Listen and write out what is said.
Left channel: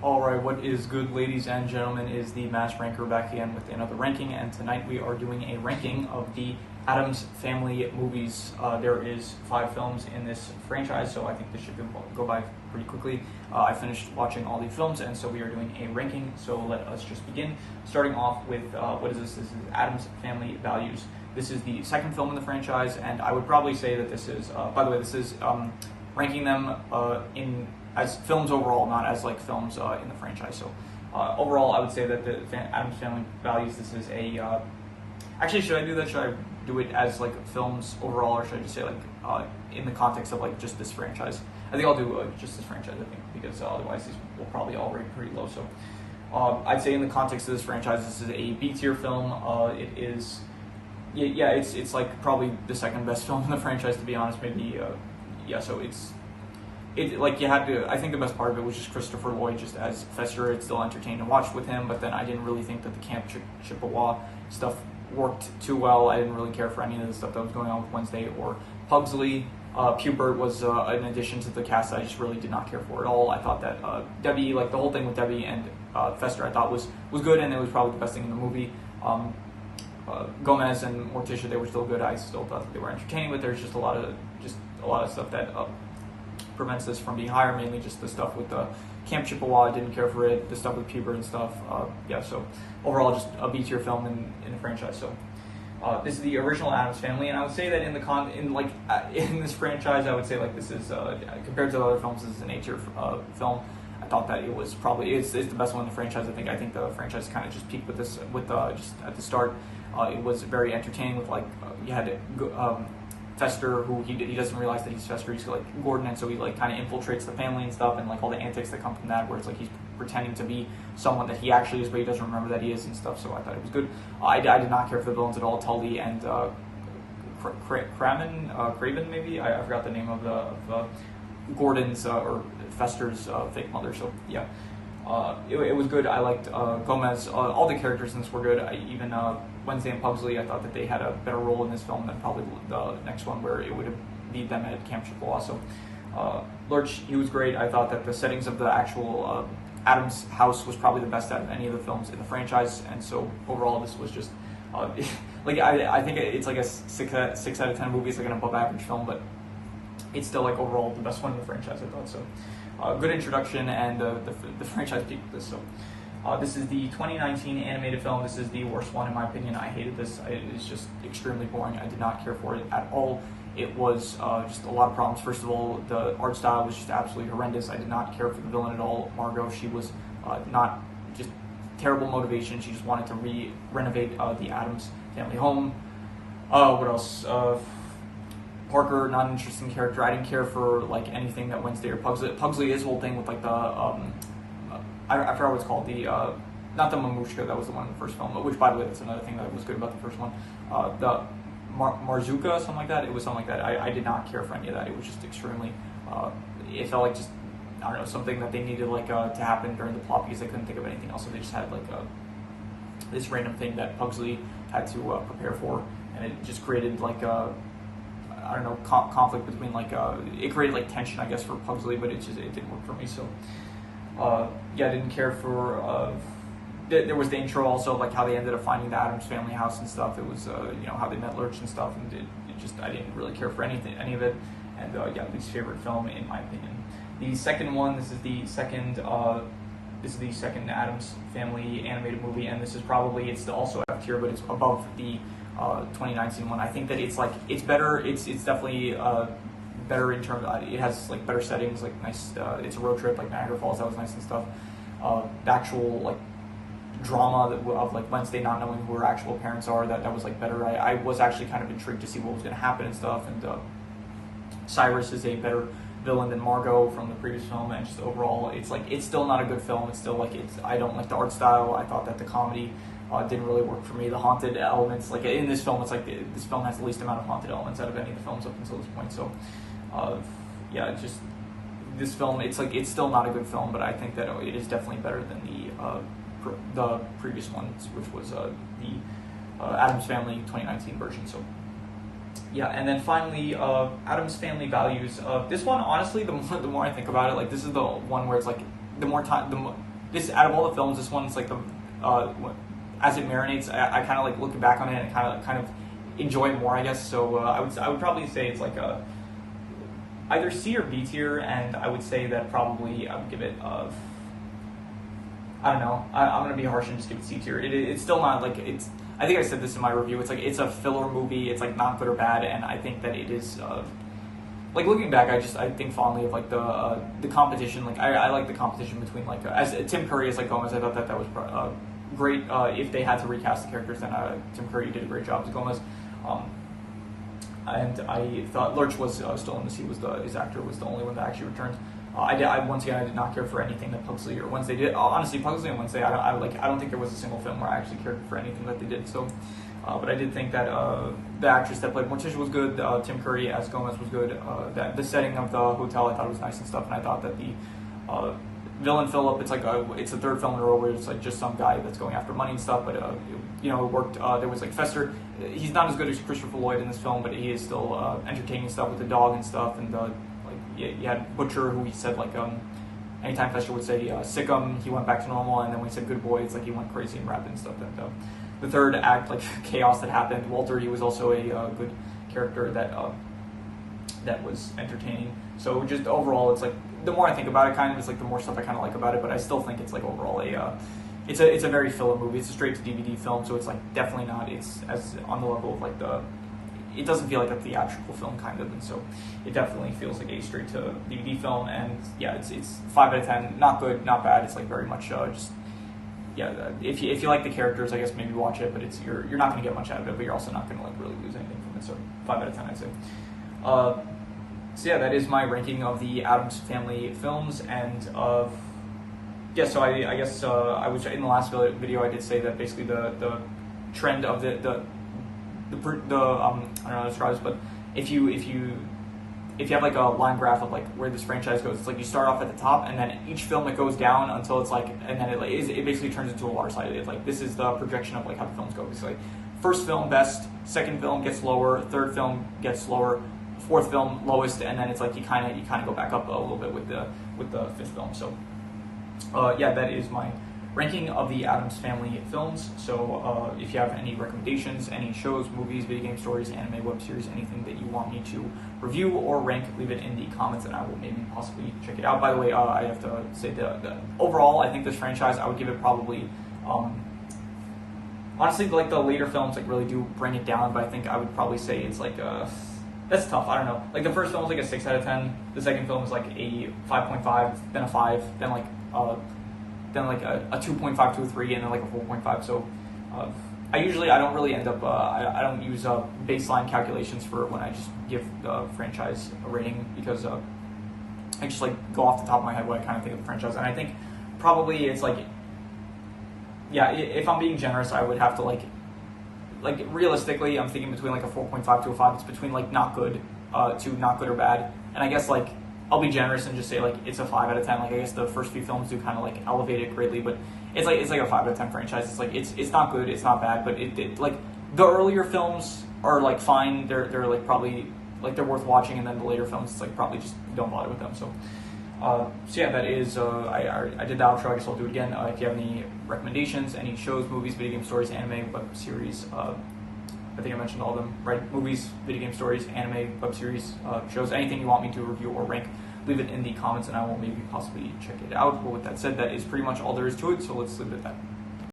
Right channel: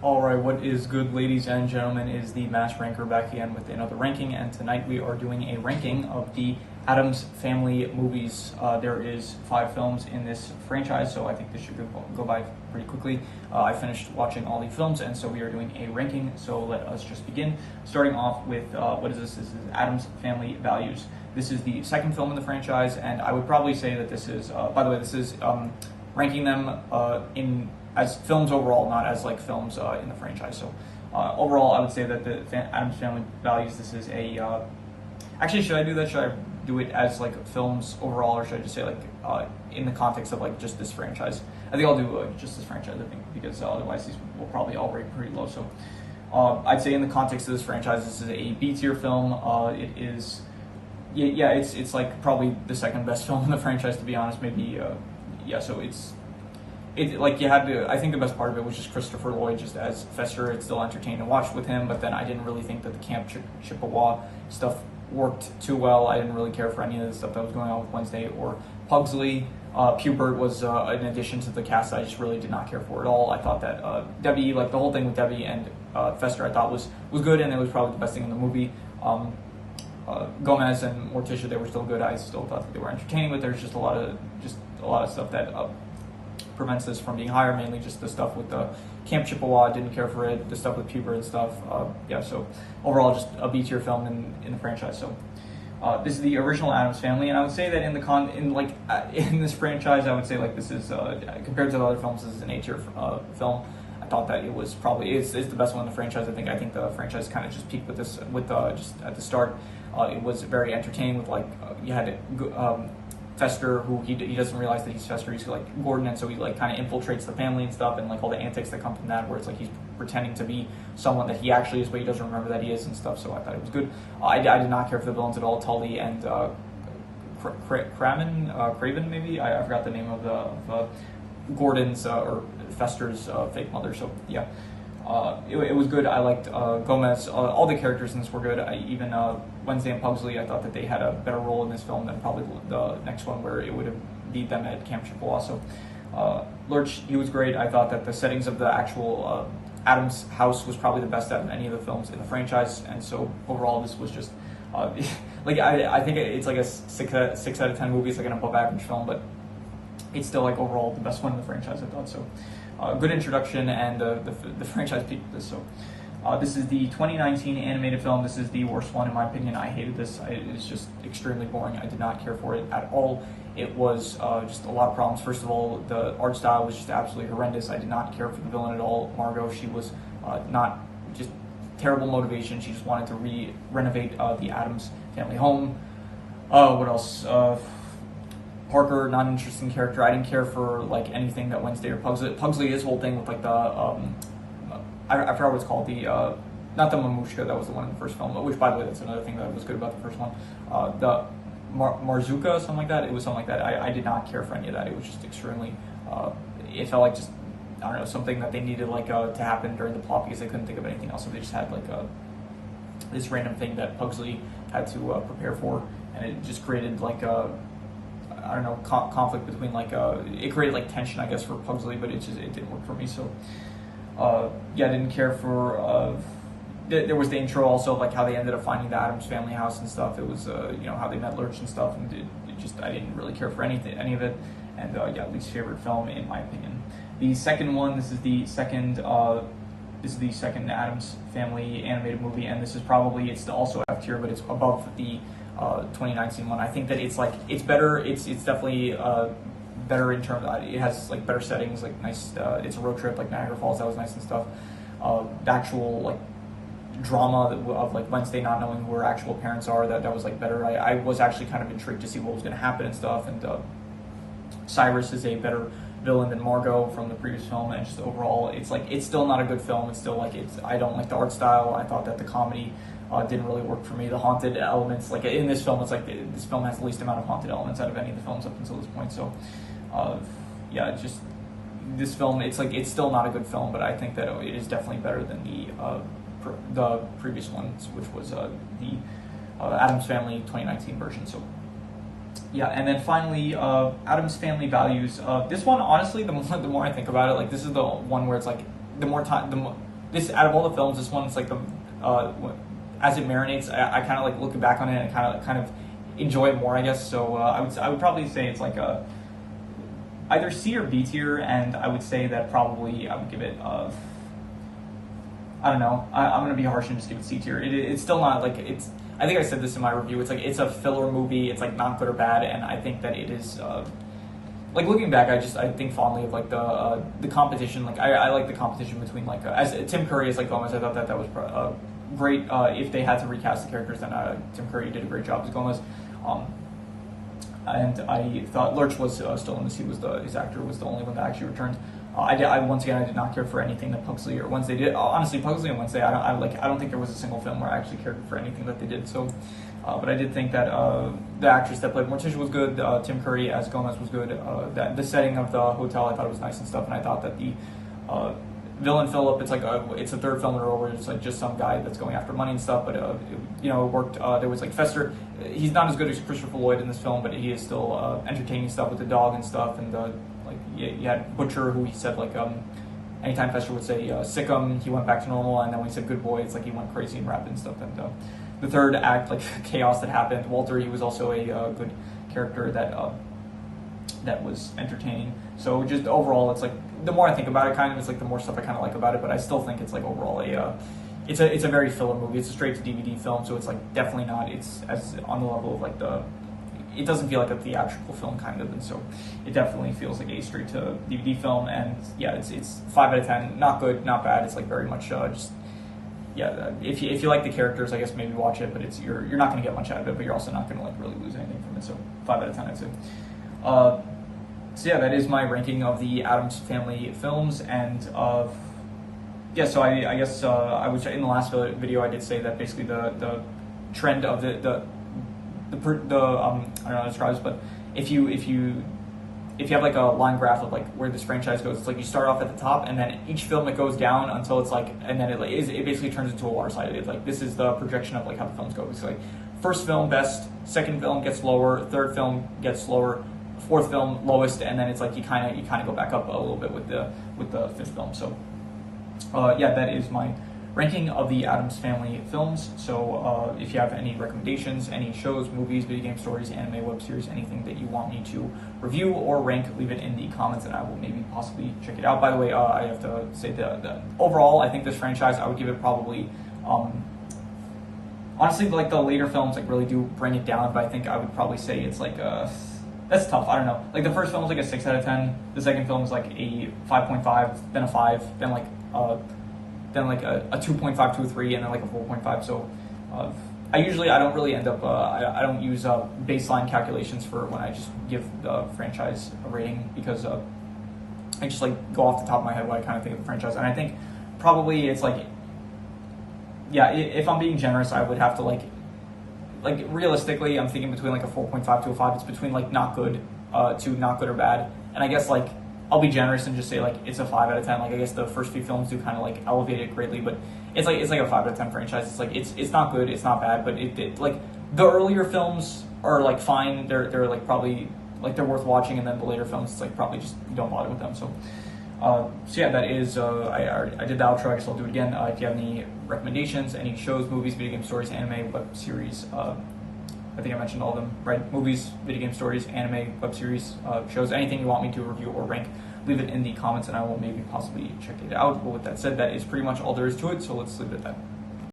Alright, what is good, ladies and gentlemen, is the Mass Ranker back again with another ranking, and tonight we are doing a ranking of the Addams Family movies. There is 5 films in this franchise, so I think this should go by pretty quickly. I finished watching all the films, and so we are doing a ranking, so let us just begin. Starting off with, what is this? This is Addams Family Values. This is the second film in the franchise, and I would probably say that this is, by the way, this is ranking them as films overall, not as like films in the franchise. So overall, I would say that the Addams Family Values, this is a, actually, should I do that? Should I do it as like films overall, or should I just say like in the context of like just this franchise? I think I'll do just this franchise, I think, because otherwise these will probably all rate pretty low. So I'd say in the context of this franchise, this is a B tier film. It is, yeah, it's like probably the second best film in the franchise, to be honest. Maybe, yeah. So like you had to, I think the best part of it was just Christopher Lloyd just as Fester. It's still entertaining to watch with him, but then I didn't really think that the Camp Chippewa stuff worked too well. I didn't really care for any of the stuff that was going on with Wednesday or Pugsley. Pubert was an addition to the cast I just really did not care for at all. I thought that Debbie, like the whole thing with Debbie and Fester, I thought was good, and it was probably the best thing in the movie. Gomez and Morticia, they were still good. I still thought that they were entertaining, but there's just a lot of stuff that prevents this from being higher, mainly just the stuff with the Camp Chippewa. I didn't care for it. The stuff with Pubert and stuff. Yeah, so overall, just a B tier film in the franchise. So this is the original Addams Family, and I would say that in this franchise, I would say like this is compared to the other films, this is an A tier film. I thought that it was probably it's the best one in the franchise. I think the franchise kind of just peaked with this just at the start. It was very entertaining with like you had Fester, who he doesn't realize that he's Fester. He's like Gordon, and so he like kind of infiltrates the family and stuff, and like all the antics that come from that, where it's like he's pretending to be someone that he actually is, but he doesn't remember that he is and stuff. So I thought it was good. I did not care for the villains at all. Tully and Craven, maybe I forgot the name of the Gordon's or Fester's fake mother. So yeah. It was good. I liked Gomez. All the characters in this were good. Even Wednesday and Pugsley, I thought that they had a better role in this film than probably the next one, where it would have been them at Camp Chippewa. So Lurch, he was great. I thought that the settings of the actual Addams house was probably the best out of any of the films in the franchise. And so overall, this was just like I think it's like a 6 out of 10 movie. It's like an above average film, but it's still like overall the best one in the franchise, I thought. So good introduction, and the franchise peaked with this. So this is the 2019 animated film. This is the worst one in my opinion. I hated this. It's just extremely boring. I did not care for it at all. It was just a lot of problems. First of all, the art style was just absolutely horrendous. I did not care for the villain at all. Margot, she was not just terrible motivation. She just wanted to renovate the Addams family home. What else? Parker, not an interesting character. I didn't care for like anything that Wednesday or Pugsley, his whole thing with like the I forgot what it's called, the not the Mamushka, that was the one in the first film, which by the way, that's another thing that was good about the first one. The Marzuka, something like that. It was something like that. I did not care for any of that. It was just extremely it felt like just, I don't know, something that they needed like to happen during the plot because they couldn't think of anything else, so they just had like this random thing that Pugsley had to prepare for, and it just created like I don't know, conflict between like it created like tension, I guess, for Pugsley, but it didn't work for me. So yeah, I didn't care for there was the intro also, like how they ended up finding the Addams family house and stuff. It was you know, how they met Lurch and stuff, and it just, I didn't really care for any of it. And yeah, least favorite film in my opinion. The second one, this is the second Addams Family animated movie, and this is probably, it's also F tier, but it's above the 2019 one. I think that it's like, it's better. It's definitely better in terms of, it has like better settings, like nice. It's a road trip, like Niagara Falls. That was nice and stuff. The actual like drama of like Wednesday not knowing who her actual parents are, that was like better. I was actually kind of intrigued to see what was going to happen and stuff. And Cyrus is a better villain than Margot from the previous film, and just overall, it's like, it's still not a good film. It's still like, I don't like the art style. I thought that the comedy didn't really work for me. The haunted elements, like in this film, it's like this film has the least amount of haunted elements out of any of the films up until this point. So yeah, it's just, this film, it's like, it's still not a good film, but I think that it is definitely better than the previous ones, which was the Addams Family 2019 version. So yeah, and then finally, Addams Family Values. This one, honestly, the more I think about it, like this is the one where it's like, the more time, this, out of all the films, this one's like the as it marinates, I kind of like looking back on it and kind of enjoy it more, I guess. So I would probably say it's like a either C or B tier, and I would say that probably I would give it I don't know. I'm gonna be harsh and just give it C tier. It's still not like it's. I think I said this in my review. It's like it's a filler movie. It's like not good or bad, and I think that it is. Like looking back, I think fondly of like the competition. Like I like the competition between like as Tim Curry as like Gomez. I thought that was great. If they had to recast the characters, then Tim Curry did a great job as Gomez. And I thought Lurch was still in this. His actor was the only one that actually returned. Once again, I did not care for anything that Pugsley or Wednesday did. Honestly, Pugsley and Wednesday, I don't think there was a single film where I actually cared for anything that they did. So, but I did think that the actress that played Morticia was good. Tim Curry as Gomez was good. That the setting of the hotel I thought was nice and stuff. And I thought that the villain Philip, it's like it's the third film in a row where it's like just some guy that's going after money and stuff. But it worked. There was like Fester. He's not as good as Christopher Lloyd in this film, but he is still entertaining stuff with the dog and stuff. And like you had Butcher, who he said like anytime Fester would say sick him, he went back to normal, and then when he said good boy, it's like he went crazy and rapped and stuff. And the third act, like chaos that happened. Walter, he was also a good character that was entertaining. So just overall, it's like the more I think about it, kind of, it's like the more stuff I kind of like about it. But I still think it's like overall it's a very filler movie. It's a straight to DVD film, so it's like definitely not. It's as on the level of like it doesn't feel like a theatrical film kind of, and so it definitely feels like a straight to DVD film. And yeah, it's 5 out of 10. Not good, not bad. It's like very much just yeah. If you like the characters, I guess maybe watch it. But you're not going to get much out of it, but you're also not going to like really lose anything from it. So 5 out of 10, I'd say. So yeah, that is my ranking of the Addams Family films, and yeah. So I guess I was in the last video. I did say that basically the trend of the I don't know how to describe this, but if you have like a line graph of like where this franchise goes, it's like you start off at the top, and then each film it goes down until it's like, and then it basically turns into a water slide. It's like this is the projection of like how the films go. It's like first film best, second film gets lower, third film gets lower, fourth film lowest, and then it's like you kind of go back up a little bit with the fifth film. So yeah, that is my ranking of the Addams Family films. So if you have any recommendations, any shows, movies, video game stories, anime, web series, anything that you want me to review or rank, leave it in the comments and I will maybe possibly check it out. By the way, I have to say that overall, I think this franchise, I would give it probably, honestly, like the later films like really do bring it down, but I think I would probably say it's like that's tough. I don't know. Like the first film was like a 6 out of 10. The second film is like a 5.5, then a 5, then like a 2.5 to a 3, and then like a 4.5. So I don't really end up, I don't use baseline calculations for when I just give the franchise a rating, because I just like go off the top of my head what I kind of think of the franchise. And I think probably it's like, yeah, if I'm being generous, I would have to like realistically, I'm thinking between like a 4.5 to a 5. It's between like not good to not good or bad. And I guess like I'll be generous and just say like it's a 5 out of 10. Like I guess the first few films do kind of like elevate it greatly, but it's like a 5 out of 10 franchise. It's like it's not good, it's not bad, but it like the earlier films are like fine. They're like probably like they're worth watching, and then the later films it's like probably just don't bother with them. So yeah, that is I did the outro. I guess I'll do it again. If you have any recommendations, any shows, movies, video game stories, anime, web series, I think I mentioned all of them, right? Movies, video game stories, anime, web series, shows, anything you want me to review or rank, leave it in the comments and I will maybe possibly check it out. But with that said, that is pretty much all there is to it, so let's leave it at that.